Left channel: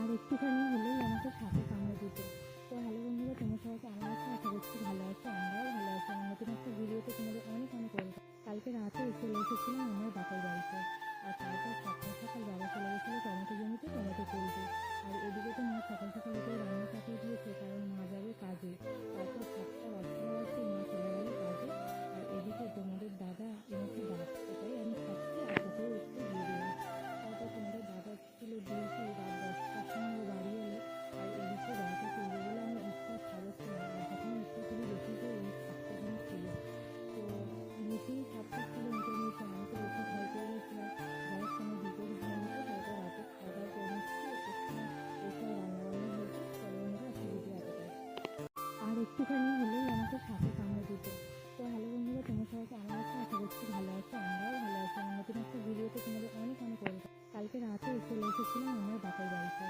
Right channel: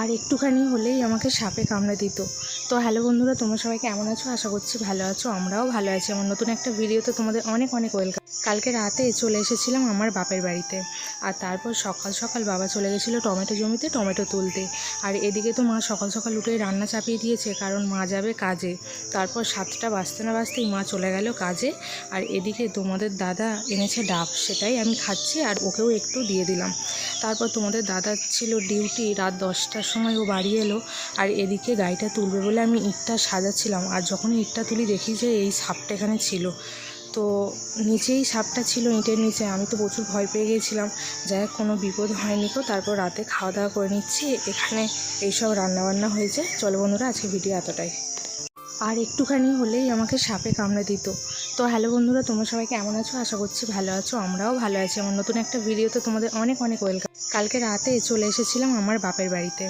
আর একটুখানি হলেই আমাকে সাপে কামড়ে দিত। তো হ্যালো বন্ধুরা, তোমরা সবাই কেমন আছো? আশা করছি ভালো আছো। আমরাও ভালো আছি। আমার নতুন একটা ভিডিওতে তোমাদের অনেক অনেক ওয়েলকাম। কালকে রাতে চলে এসেছিলাম আমার বাপের বাড়িতে। আর তারপর সকাল সকাল বাবা চলে গেছিলো টমেটো জমিতে টমেটো তুলতে। আর এদিকে তো মা সকাল সকাল উঠে রান্না চাপিয়ে দিয়েছে, কারণ মা যাবে কাজে। তারপর 7টা বাজতে না বাজতেই মা চলে গেল কাজে। আর এদিকে তোমাদের দাদা এনেছে ডাব, সেটাই আমি খাচ্ছি আর ওকেও একটু দিয়ে দিলাম। তারপর তোমাদের দাদা ছিল ডিউটি, রাত 10টার সময় ও বাড়ি এলো। আর এদিকে গাড়িটা তুলবে বলে আমি ইটটা সাজাচ্ছিলাম, আর যখন ইটটা তুলি দেখি যে এই সাপটা এখানে ছিল। তো নিচেই সাপটা ছিল, ইটের নিচে। আমি তো প্রচুর ভয় পেয়ে গিয়েছিলাম। যাই হোক, কোনো বিপদ হয়নি। তো তারপর রাতে খাওয়া দাওয়া করে নিচ্ছি। এখানে এইসব রান্নাবান্না হয়েছে। চলো বন্ধুরা, আজকে ভিডিও এতটাই। আর একটুখানি হলেই আমাকে সাপে কামড়ে দিত। তো হ্যালো বন্ধুরা, তোমরা সবাই কেমন আছো? আশা করছি ভালো আছো। আমরাও ভালো আছি। আমার নতুন একটা ভিডিওতে তোমাদের অনেক অনেক ওয়েলকাম। কালকে রাতে চলে এসেছিলাম আমার বাপের বাড়িতে।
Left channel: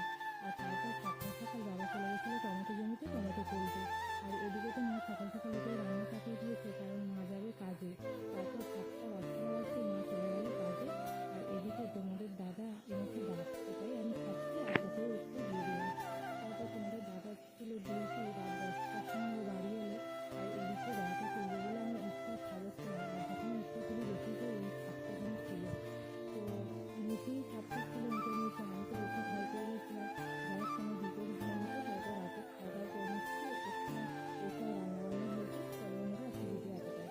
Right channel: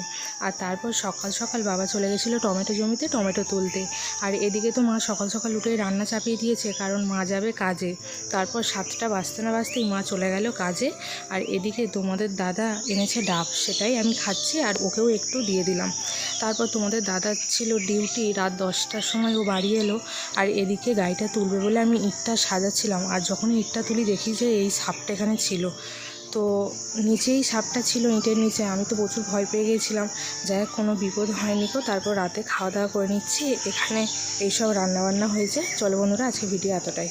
আর তারপর সকাল সকাল বাবা চলে গেছিলো টমেটো জমিতে টমেটো তুলতে। আর এদিকে তো মা সকাল সকাল উঠে রান্না চাপিয়ে দিয়েছে, কারণ মা যাবে কাজে। তারপর 7টা বাজতে না বাজতেই মা চলে গেল কাজে। আর এদিকে তোমাদের দাদা এনেছে ডাব, সেটাই আমি খাচ্ছি আর ওকেও একটু দিয়ে দিলাম। তারপর তোমাদের দাদা ছিল ডিউটি, রাত 10টার সময় ও বাড়ি এলো। আর এদিকে গাড়িটা তুলবে বলে আমি ইটটা সাজাচ্ছিলাম, আর যখন ইটটা তুলি দেখি যে এই সাপটা এখানে ছিল। তো নিচেই সাপটা ছিল, ইটের নিচে। আমি তো প্রচুর ভয় পেয়ে গিয়েছিলাম। যাই হোক, কোনো বিপদ হয়নি। তো তারপর রাতে খাওয়া দাওয়া করে নিচ্ছি। এখানে এইসব রান্নাবান্না হয়েছে। চলো বন্ধুরা, আজকে ভিডিও এতটাই।